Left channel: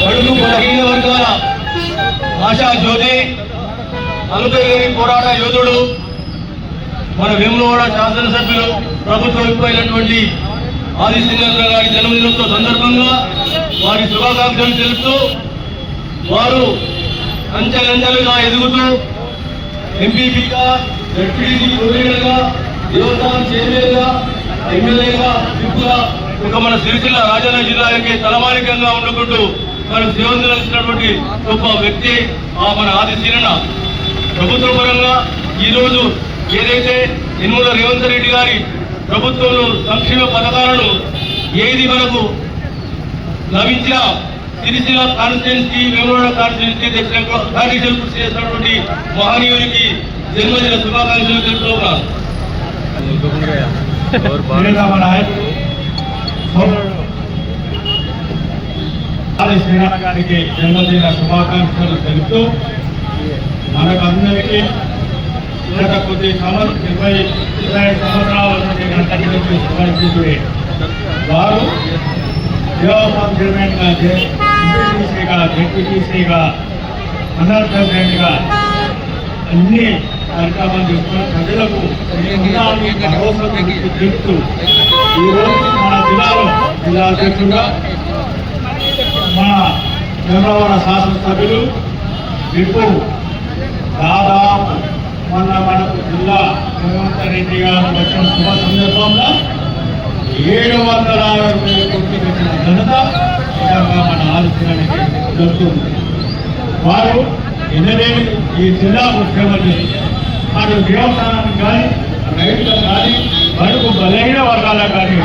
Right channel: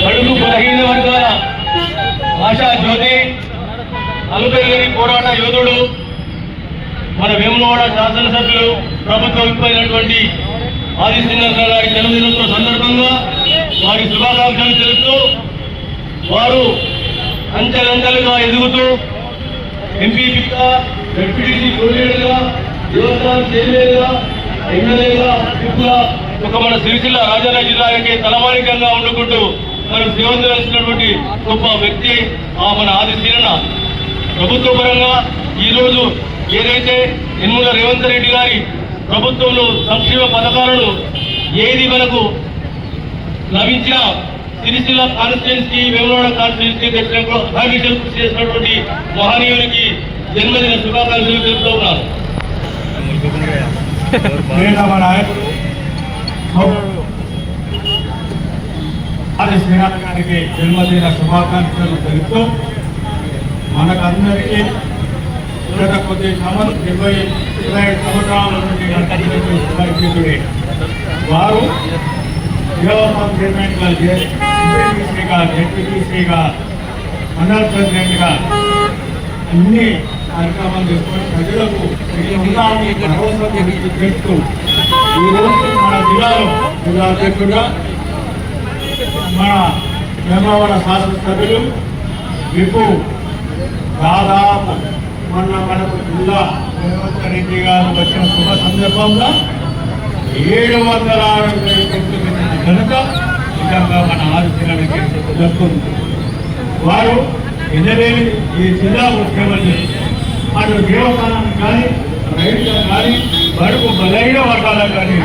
బడుగు బలహీన వర్గాల ఆశా జ్యోతి అలుకగిరి పోరాట యోధుడు మన వేములవాడ శాసనసభ్యులు ప్రభుత్వ విప్పైనటువంటి ఆదిత్యనాథ్ గారి జన్మదినోత్సవ సందర్భంగా వారి శుభాకాంక్షలు తెలుపుతూ వారు అంచెలంచెలుగా ఎదుగుతూ ఎంపీపీగా డిప్యూటీసీ కోఆర్డినేటర్గా దేవస్థానం చైర్మన్గా ఎమ్మెల్యేగా విప్గా ఒక మన సిరిసిల్ల రాజన్న జిల్లాకి తలమానికంగా ఉండుకుంటూ మనం సేవందించినటువంటి గొప్ప వ్యక్తి ఆ మన ఆది సీనన్న ప్రభుత్వ పరంగా ఈరోజు ఏదైతే ఎన్నుల రేవంత్ రెడ్డి గారి ప్రభుత్వంలో సంక్షేమ పథకాలను ఏది మనకు లభించిన సిరిసిల్ల కాన్స్టిట్యున్సీ వేమనాడ కాన్స్టిట్యున్సీ అఘాడీశలు కృషి చేసినటువంటి మహనీయునికి జన్మదిన శుభాకాంక్షలు తెలుపుతూ ఉన్నాను. ప్రియతమ ఆది శ్రీనాథ గారికి జన్మదిన శుభాకాంక్షలు తెలుపుతూ మనకందరికీ గత కొద్ది సంవత్సరం ఇరవై ఇరవై ఐదు సంవత్సరాల నుండి మన ప్రజలకి వారు దేవస్థానం చైర్మన్గా ఎంపీటీసీగా జెడ్పీటీసీగా మండల అన్ని కార్యక్రమాలు తీసుకొని ప్రజలకు భరోసా తెలుపుతూ ఈరోజు జిల్లాలో జిల్లా అధ్యక్షుడుగా మన చంద్రబాబు శాసనసభ్యులు విప్పు దాదాపు మొన్న మనకు జిల్లా రేవంత్ రెడ్డి గారు వచ్చిన శుభ సందర్భంగా ఏడు వందల అరవై కోట్ల ఘనత విధంగా మన ఆలోచనకి దక్కుతుంది వారు ఎనలేని ఈ జిల్లా ముఖ్యమంత్రి. అటు దేవస్థానానికి కానీ రైతులకు కానీ బడుగు బలైన వర్గాలకు కానీ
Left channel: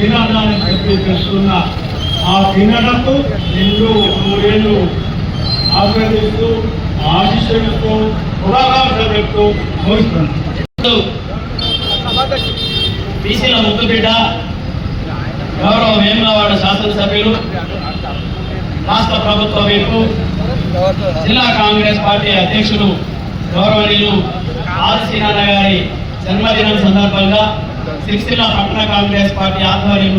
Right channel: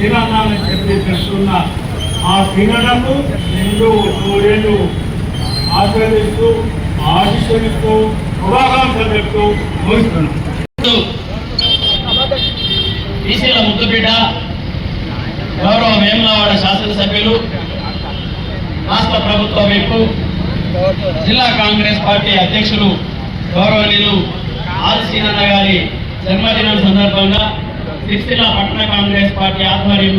మీరు చెప్పి తెస్తున్న ఆ తినడంకు నిండు సూర్యుడు ఆశీర్వదిస్తూ ఆశిస్తున్నట్టు శుభాకాంక్షలు చెప్తూ ముగిస్తున్నాను. బీసీల ముద్దుబిడ్డ గౌరవ వేములవాడ శాసనసభ్యులు రాష్ట్ర ప్రభుత్వ వైపు జిల్లా కాంగ్రెస్ పార్టీ అధ్యక్షులు గౌరవనీయులు ఆదిశీనాథ గారి జన్మదినం సందర్భంగా సిరిసిల్ల పట్టణ కాంగ్రెస్ పార్టీ ఆధ్వర్యంలో